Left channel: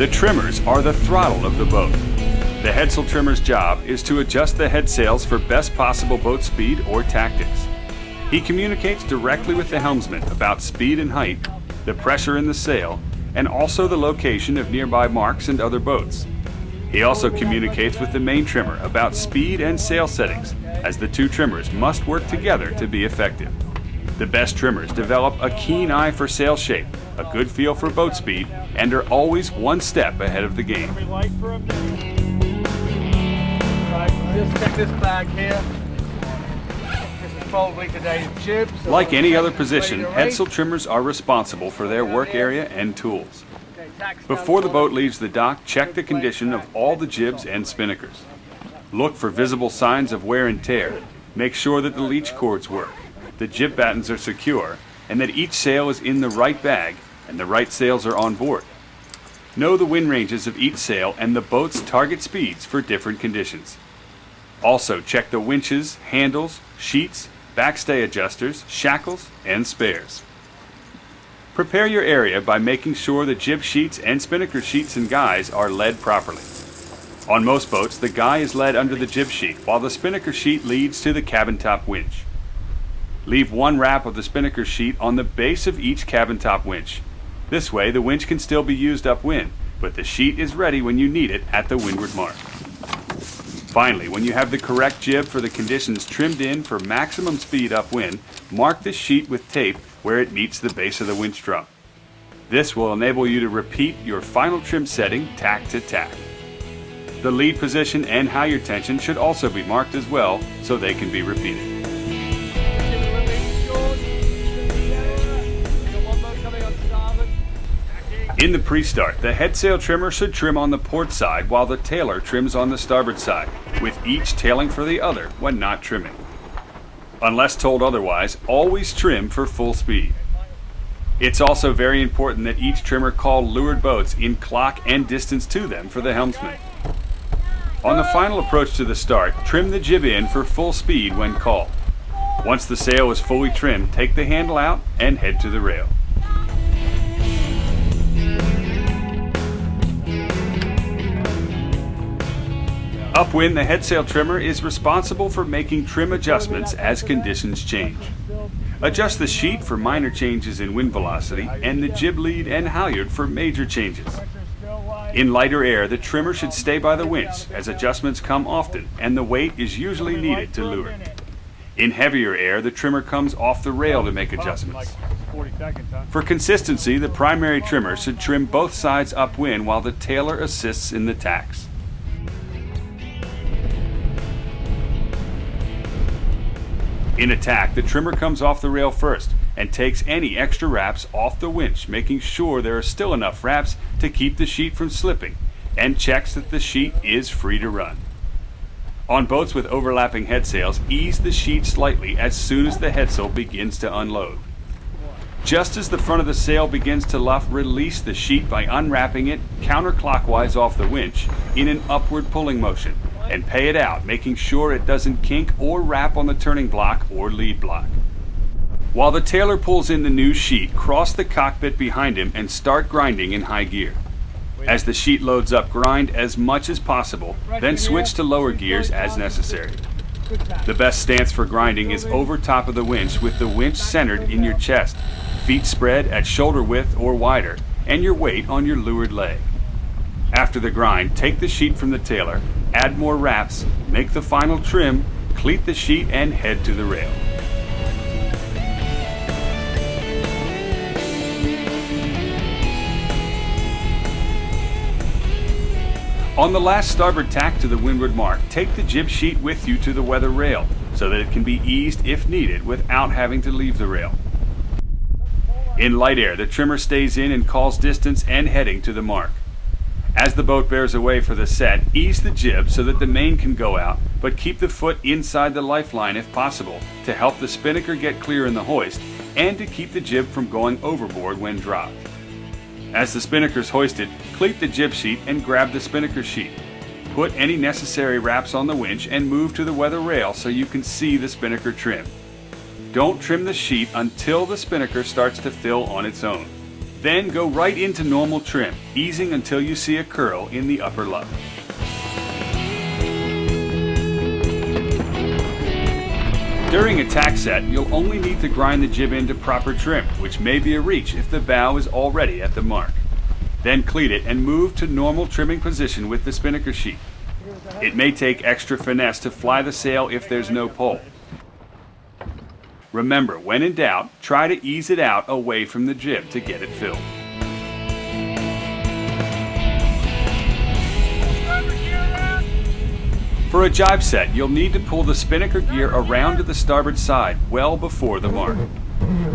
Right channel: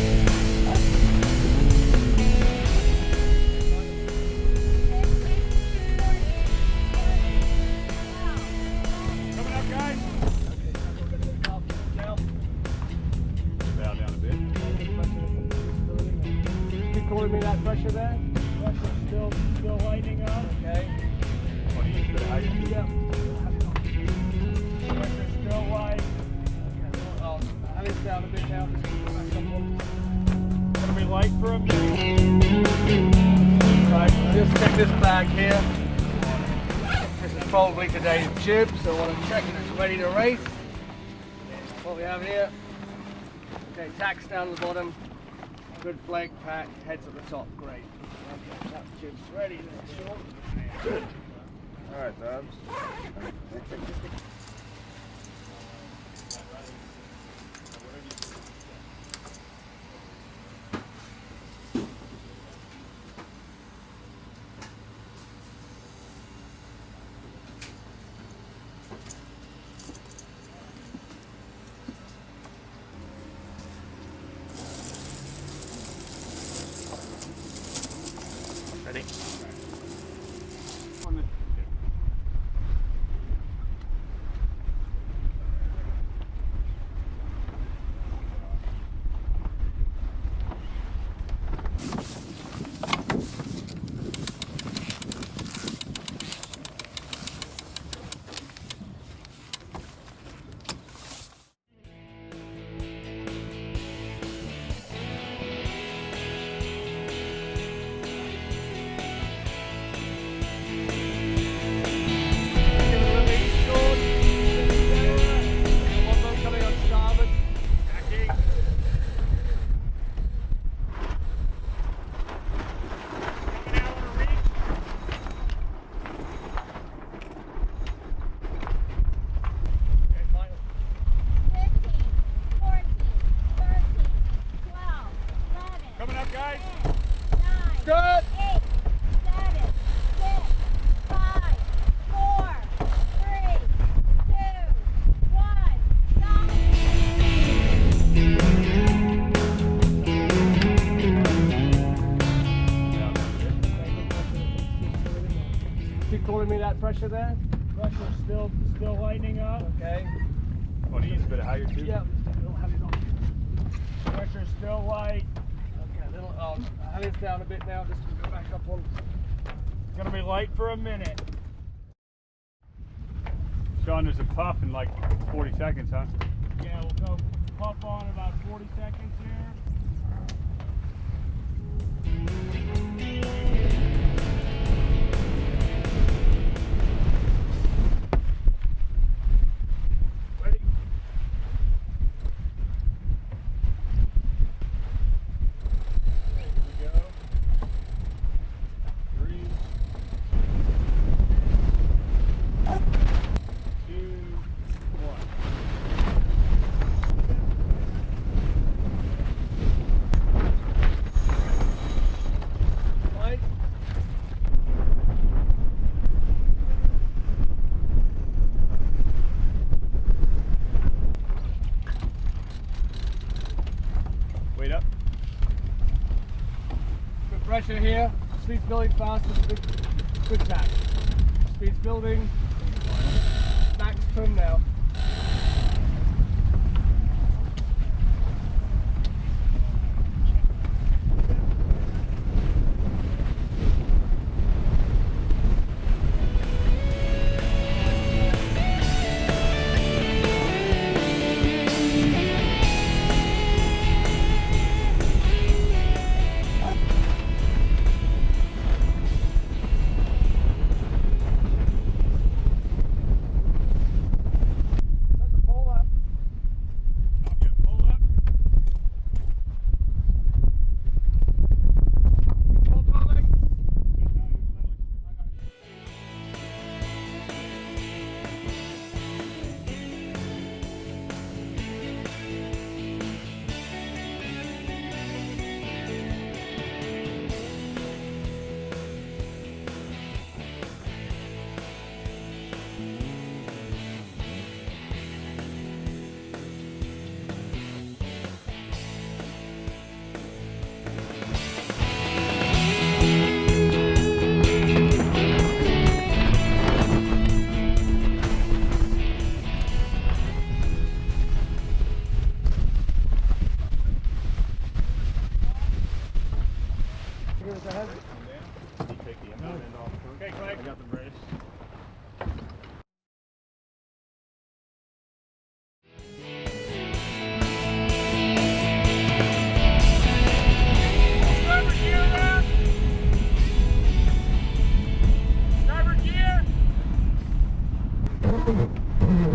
The trimmers are the throttle of the boat. The headsail trimmer's job is to adjust the head sails for best possible boat speed or tactics. He communicates directly with the helmsman about speed and height, the pressure in the sail, and also the location of nearby marks and other boats. He also communicates with the main trimmer about speed and sail settings, as the two trimmers must work together to be effective. The best trimmers develop a keen eye for sail shape, a good feel for boat speed, and are always one step ahead of the game. Right, just check this bag here. This is probably today's jib. So like any other position, headsail trimmers are responsible for their work area and tools. Before the boat leaves the dock, check the condition of all the jibs and spinnakers. Look for visible signs of wear and tear. Make sure that the leech cords work, the jib battens are secure, and that each sail is in the right bag and the right sails are on board. Know the wind ranges of each sail and the boat's target speeds for different conditions. Also check the winches, handles, sheets, backstay adjusters, shackles, and spares. Prepare your area by making sure the jib sheets and spinnaker sheets and guys are led properly. On most boats, the guy is led under the jib sheet, while the spinnaker sheet leads to the cabin top winch. Leave one wrap of the spinnaker sheet on the base of each cabin top winch. This way, the winch can still be used upwind, but the sheet is ready when you need it at the windward mark. Finally, when you have the correct jib for the conditions trimmed in for maximum speed upwind, mark the sheet with tape where it meets the base of the winch drum. This will enable you to repeat your final trim setting tack to tack. The lead position and halyard tension should also be marked as well so they can be repeated. In the pre-start, the headsail trimmer should trim on the port side while the tailer trims on the starboard side, with each tailing for the other when not trimming. Unless told otherwise, always trim for full speed. It's also very important that each trimmer call leeward boats in clock and distance to them for the helmsman. On the final approach to the start, trim the jib in for full speed when called. Once the sail is fully trimmed, take the handle out and head to the rail. Upwind, the headsail trimmer is responsible for making trim adjustments as conditions change. Adjust the sheet for minor changes in wind velocity and the jib lead and halyard for major changes. In lighter air, the trimmer should stay by the winch as adjustments come often and the weight is usually needed to leeward. In heavier air, the trimmer comes off the rail to make adjustments. For consistency, the primary trimmer should trim both sides upwind while the tailer assists in the tacks. In attack, the trimmer comes off the rail first and takes any extra wraps off the winch, making sure there are still enough wraps to keep the sheet from slipping, and checks that the sheet is free to run. On boats with overlapping headsails, ease the sheet slightly as soon as the headsail begins to unload. Just as the front of the sail begins to luff, release the sheet by unwrapping it counterclockwise off the winch in an upward pulling motion, and pay it out, making sure it doesn't kink or wrap on the turning block or lead block. While the tailer pulls in the new sheet, cross the cockpit behind him and start grinding in high gear. As the sheet loads up, grind as much as possible, then switch to lower gears as necessary. The best stance for grinding is over top of the winch with the winch centered in your chest, feet spread at shoulder width or wider, and your weight on your leeward leg. After the grind, take the sheet from the tailer, add more wraps, make the final trim, cleat the sheet, and head to the rail. On the last starboard tack to the windward mark, take the jib sheet with you to the weather rail so that it can be eased if needed without having to leave the rail. In light air, the trimmer stays in and calls distance and heading to the mark. As the boat bears away for the set, ease the jib so that the main can go out, but keep the foot inside the lifeline if possible to help the spinnaker get clear in the hoist and to keep the jib from going overboard when dropped. As the spinnaker is hoisted, cleat the jib sheet and grab the spinnaker sheet. Put any necessary wraps on the winch and move to the weather rail so you can see the spinnaker trim. Don't trim the sheet until the spinnaker starts to fill on its own. Then go right into normal trim, easing until you see a curl in the upper luff. During a tack set, you'll only need to grind the jib into proper trim, which may be a reach if the bow is already at the mark. Then cleat it and move to normal trimming position with the spinnaker sheet. It may take extra finesse to fly the sail if there's no pole. Remember, when in doubt, try to ease it out away from the jib to get it filled. For a jibe set, you'll need to pull the spinnaker gear around to the starboard side well before the mark.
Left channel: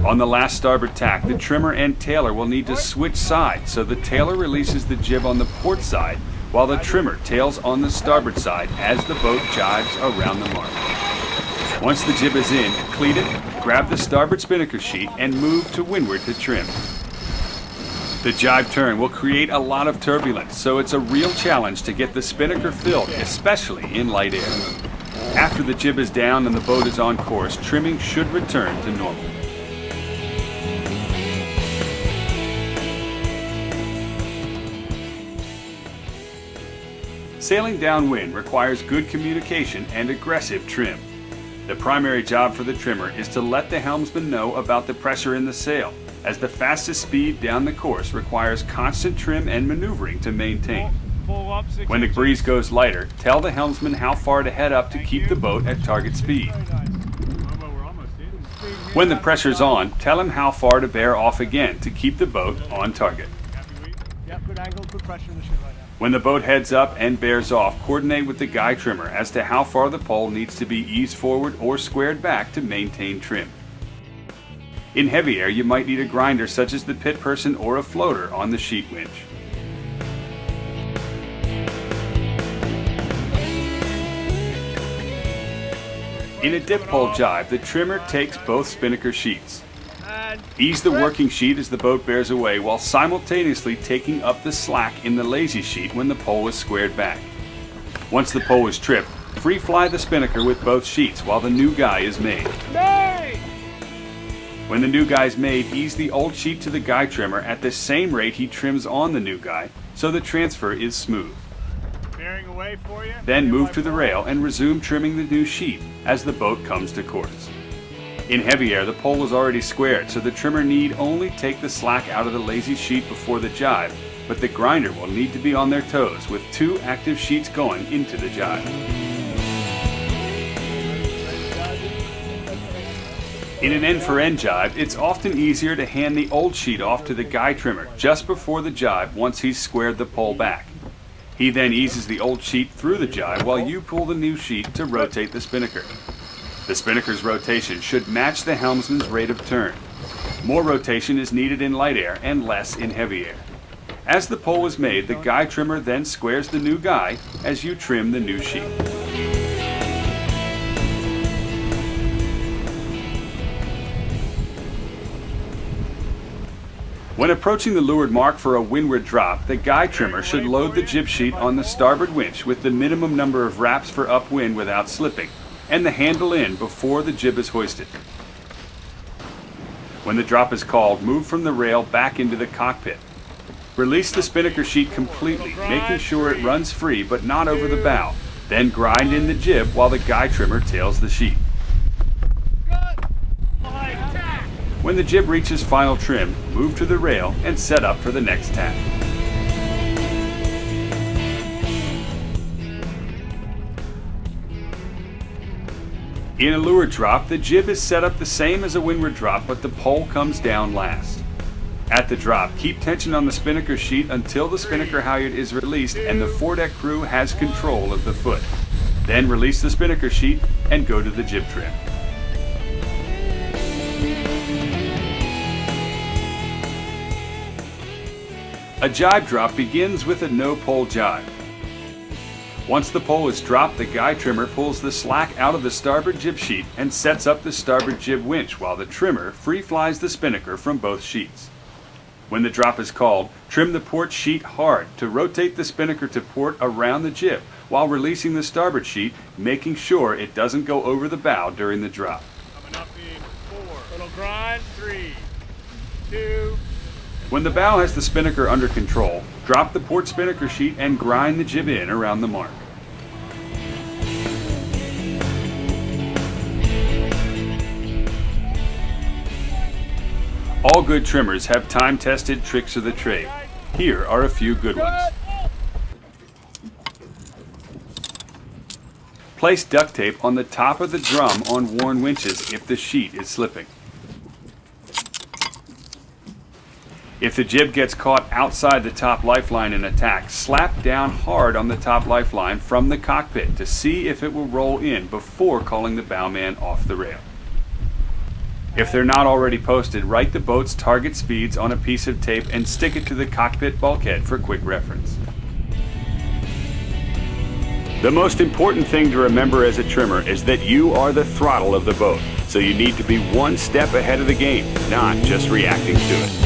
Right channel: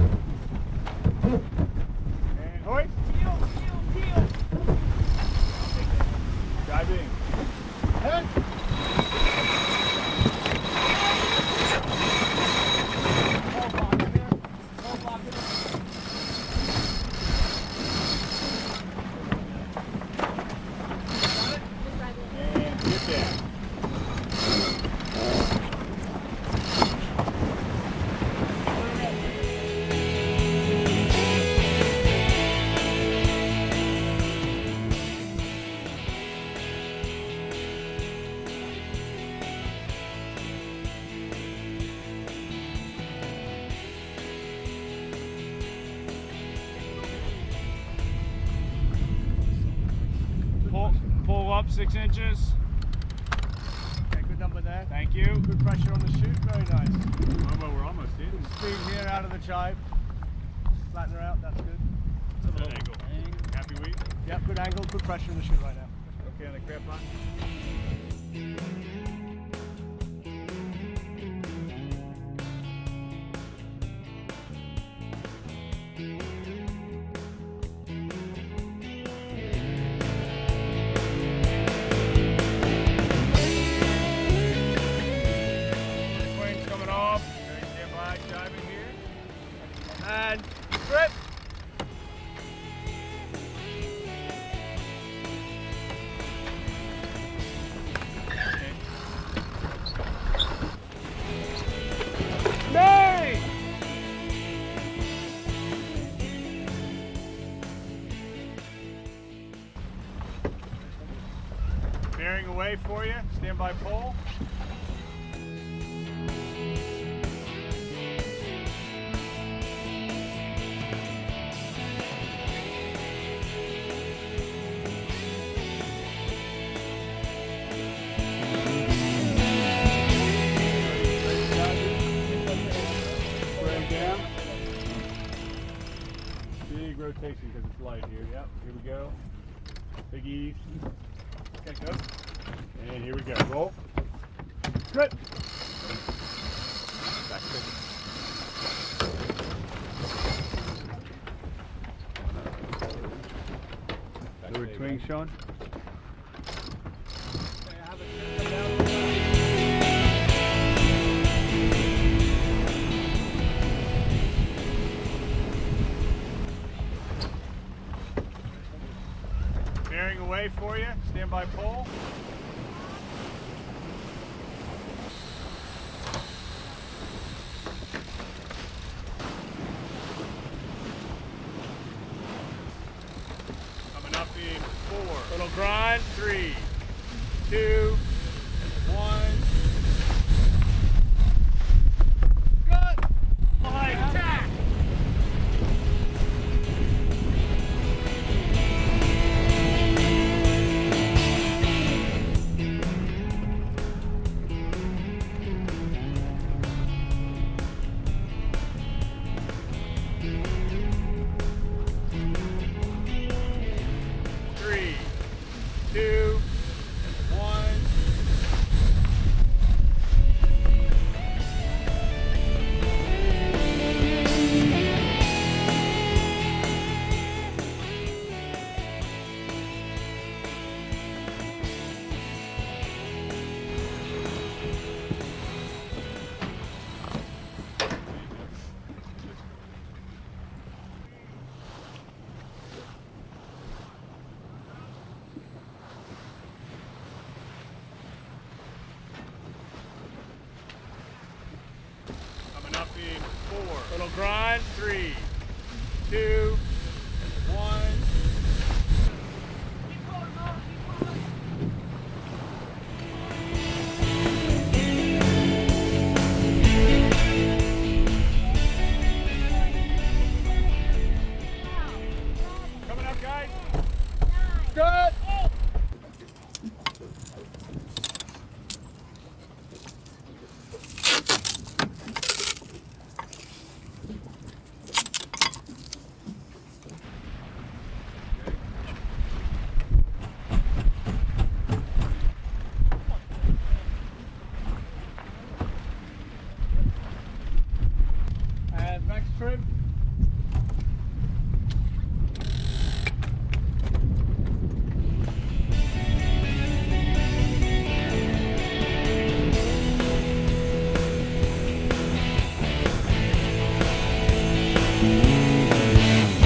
On the last starboard tack, the trimmer and tailer will need to switch sides so the tailer releases the jib on the port side while the trimmer tails on the starboard side as the boat jives around the mark. Once the jib is in, cleat it, grab the starboard spinnaker sheet and move to windward to trim. The jibe turn will create a lot of turbulence, so it's a real challenge to get the spinnaker filled, especially in light air. After the jib is down and the boat is on course, trimming should return to normal. Sailing downwind requires good communication and aggressive trim. The primary job for the trimmer is to let the helmsman know about the pressure in the sail, as the fastest speed down the course requires constant trim and maneuvering to maintain. Pull up 6 When the inches. breeze goes lighter, tell the helmsman how far to head up to keep the boat at target speed. When the pressure's on, tell him how far to bear off again to keep the boat on target. Yep, good angle, good pressure in the ship right now. When the boat heads up and bears off, coordinate with the guy trimmer as to how far the pole needs to be eased forward or squared back to maintain trim. In heavy air, you might need a grinder such as the pit person or a floater on the sheet winch. In a dip pole jibe, the trimmer takes both spinnaker sheets. Ease the working sheet as the boat bears away while simultaneously taking up the slack in the lazy sheet when the pole is squared back. Once the pole is tripped, free fly the spinnaker with both sheets while the new guy is made. When the new guy is made, ease the old sheet to the guy trimmer at the same rate he trims on the new guy so the transfer is smooth. Bearing away for you. Then move to the rail and resume trimming the new sheet as the boat comes to course. In heavy air, the pole is already squared, so the trimmer need only take the slack out of the lazy sheet before the jibe, but the grinder will need to be on their toes with 2 active sheets going into the jibe. In an end-for-end jibe, it's often easier to hand the old sheet off to the guy trimmer just before the jibe once he's squared the pole back. He then eases the old sheet through the jibe while you pull the new sheet to rotate the spinnaker. The spinnaker's rotation should match the helmsman's rate of turn. More rotation is needed in light air and less in heavy air. As the pole is made, the guy trimmer then squares the new guy as you trim the new sheet. When approaching the leeward mark for a windward drop, the guy trimmer should load the jib sheet on the starboard winch with the minimum number of wraps for upwind without slipping, and the handle in before the jib is hoisted. When the drop is called, move from the rail back into the cockpit. Release the spinnaker sheet completely, making sure it runs free but not over the bow. Then grind in the jib while the guy trimmer tails the sheet. When the jib reaches final trim, move to the rail and set up for the next tack. In a leeward drop, the jib is set up the same as a windward drop, but the pole comes down last. At the drop, keep tension on the spinnaker sheet until the spinnaker halyard is released and the foredeck crew has control of the foot. Then release the spinnaker sheet and go to the jib trim. A jibe drop begins with a no-pole jibe. Once the pole is dropped, the guy trimmer pulls the slack out of the starboard jib sheet and sets up the starboard jib winch while the trimmer free flies the spinnaker from both sheets. When the drop is called, trim the port sheet hard to rotate the spinnaker to port around the jib while releasing the starboard sheet, making sure it doesn't go over the bow during the drop. Coming up in 4. Little grind. 3, 2, When the bow has the spinnaker under control, drop the port spinnaker sheet and grind the jib in around the mark. All good trimmers have time-tested tricks of the trade. Here are a few good ones. Place duct tape on the top of the drum on worn winches if the sheet is slipping. If the jib gets caught outside the top lifeline in attack, slap down hard on the top lifeline from the cockpit to see if it will roll in before calling the bowman off the rail. If they're not already posted, write the boat's target speeds on a piece of tape and stick it to the cockpit bulkhead for quick reference. The most important thing to remember as a trimmer is that you are the throttle of the boat, so you need to be one step ahead of the game, not just reacting to it.